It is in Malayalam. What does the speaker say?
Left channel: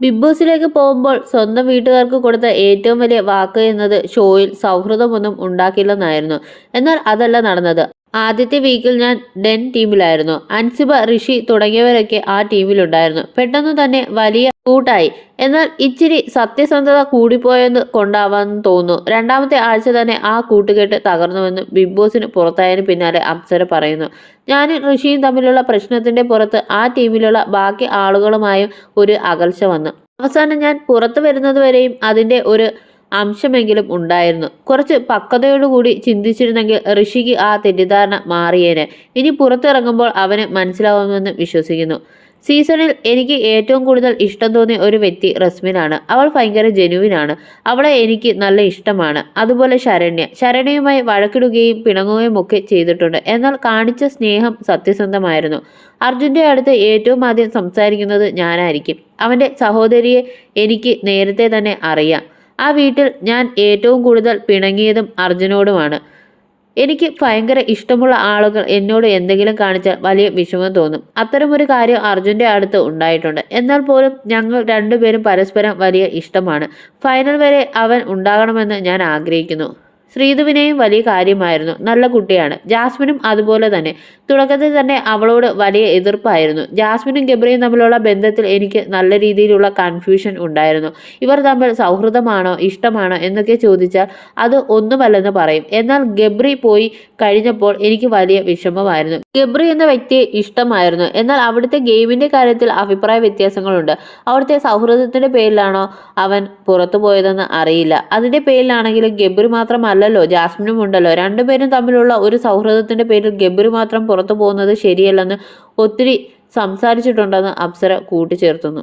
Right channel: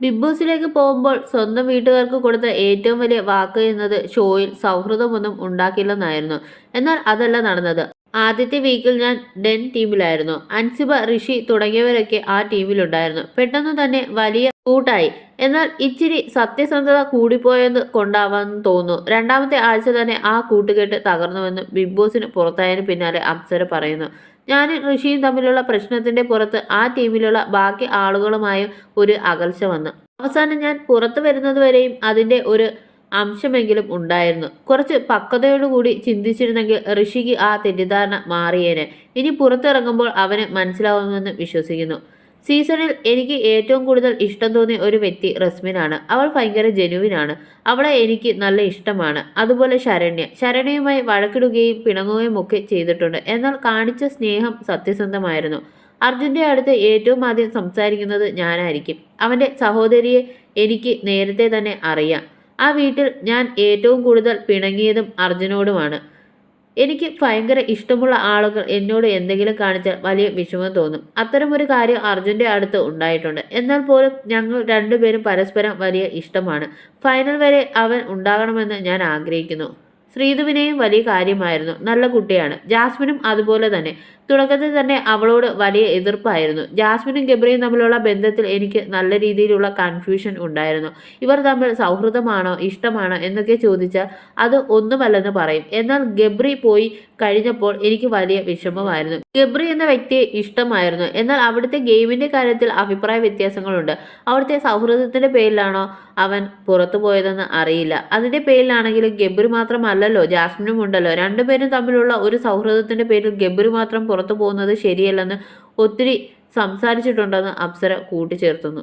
ബിഗ് ബോസിലേക്ക് പോകുമ്പോൾ സ്വന്തം വീട്ടുകാർക്ക് കൊടുത്ത ഏറ്റവും വലിയ വാക്ക് എന്നത് ഷോയിൽ സൗഹൃദമൊന്നും ഉണ്ടാക്കില്ലെന്നായിരുന്നു. എന്നാൽ അതല്ല നടന്നത്. ആദ്യത്തെ വീക്കിൽ ഞാൻ ഡെൻ ടീമിലായിരുന്നു. അൻസിബ ഋഷി തുടങ്ങിയവരൊക്കെ ആ ടീമിലുണ്ടായിരുന്നു. പെട്ടെന്ന് തന്നെ വലിയ കൂട്ടായി. എന്നാൽ ഇച്ചിരി സത്യസന്ധത കൂടിപ്പോയെന്ന് കൊണ്ടാവാമെന്ന് തോന്നുന്നു. രണ്ടാമത്തെ ആഴ്ച തന്നെ ആ കൂട്ടുകെട്ട് തകർന്നുവെന്ന് ബിഗ് ബോസിന് പുറത്തായതിന് പിന്നാലെ അപ്സര പറയുന്നു. ഞാനും ഋഷിയും തമ്മിലുള്ള പ്രശ്നത്തിന്റെ പുറത്ത് ആ ടീമിലുള്ള ബാക്കി ആളുകളുമായും ഒരു അകൽച്ച വന്നു. അവസാനം ഞാൻ പുറത്തു വരുന്നതുവരെയും അതിന്റെ ഒരു അംശമെങ്കിലും ഉണ്ടായിരുന്നു. കുറച്ച് പക്വതയോടുകൂടി ചിന്തിച്ചിരുന്നെങ്കിൽ ഋഷിക്ക് ആ തെറ്റിദ്ധാരണ മാറിയേനെ. ഇനി പുറത്തിറങ്ങുമ്പോൾ അവന് മനസ്സിലാവുമെന്ന് വിശ്വസിക്കുന്നു. സീസണിൽ എനിക്ക് ഏറ്റവും കൂടുതൽ ഇഷ്ടം തോന്നിയ ഒരു വ്യക്തി റസ്മിനാണ്. അവൾ ഭയങ്കര ജെനുവിനാണ്. അവളെ എനിക്ക് നല്ല ഇഷ്ടമാണ്. അതുപോലെ ശരണ്യ. ശരണ്യയുമായി വഴക്കിടുകയും പിണങ്ങുകയും ഒക്കെ ചെയ്തിട്ടുണ്ട്. എന്നാൽ കാണിച്ച സ്നേഹം സത്യസന്ധമായിരുന്നു. അർജുന്റെ അടുത്ത് ഏറ്റവും ആദ്യം സംസാരിക്കുന്നത് ഞാനായിരിക്കും. അവന്റെ സഹോദരിയെ എനിക്ക് നേരത്തെ തന്നെ അറിയാം. ആ വീട്ടിൽ ഞാൻ ഏറ്റവും കൂടുതൽ പിണങ്ങിയതും അർജുനോടുമാണ്. എനിക്ക് ഭയങ്കര ഇഷ്ടമുള്ള ആളുകൾ എന്നോട് എന്തെങ്കിലും കാണിച്ചാൽ വലിയ വിഷമം തോന്നും. അത്തരമൊരു കാര്യം അർജുന്റെ അടുത്ത് ഉണ്ടായിട്ടുണ്ട്. എന്നാൽ പോലും ഞങ്ങൾ രണ്ടുപേരും പരസ്പരം വലിയ ഇഷ്ടമാണ്. ഫൈനൽ വരെ അവൻ ഉണ്ടാകണമെന്ന് ഞാൻ ആഗ്രഹിക്കുന്നു. ശ്രീധുവിനെയും വലിയ കാര്യമായിരുന്നു. നല്ല കുട്ടിയാണ്. ജാസ്മിനും അതുപോലെ തന്നെ. തുടക്കത്തിൽ തന്നെ അവളോട് വലിയ എതിർപ്പായിരുന്നു. ജാസ്മിനും ഗബ്രിയും തമ്മിലുള്ള ബന്ധത്തിൽ എനിക്ക് നല്ല രീതിയിലുള്ള കൺഫ്യൂഷൻ ഉണ്ടായിരുന്നു. ഇവർ തമ്മിൽ സൗഹൃദമാണോ ഇഷ്ടമാണോ എന്നൊക്കെ ചോദിച്ചാൽ അത് ഒന്നുമല്ലെന്ന് പറയും. എന്നാൽ ഗബ്രി പോയി കഴിഞ്ഞപ്പോൾ എനിക്ക് വലിയ വിഷമമായിരുന്നു. ഗബ്രി എന്ന വ്യക്തിയെ ഇഷ്ടമായിരുന്നു. എന്നാൽ അവിടുത്തെ ഗെയിമിന്റെ കാര്യത്തിൽ അഭിപ്രായ വ്യത്യാസങ്ങളുണ്ട്. അവിടുത്തെ സൗഹൃദത്തിന്റെ പേരിലാണോ അവൻ പുറത്തു പോയതെന്ന് അറിയില്ല. അതിന്റെ പേരിലാണെങ്കിലും ഗബ്രി മാത്രമല്ലല്ലോ ജാസ്മിനും ഉണ്ടല്ലോ. രണ്ടുപേരും തമ്മിലുള്ള ഒരു സൗഹൃദത്തിന്റെ പേരിൽ ഗബ്രി മാത്രം പുറത്തു പോകുന്നത് ശരിയല്ലെന്ന് ഒത്തിരി സംസാരിച്ചിട്ടുണ്ടെന്ന് അപ്സര കൂട്ടിച്ചേർത്തുന്നു.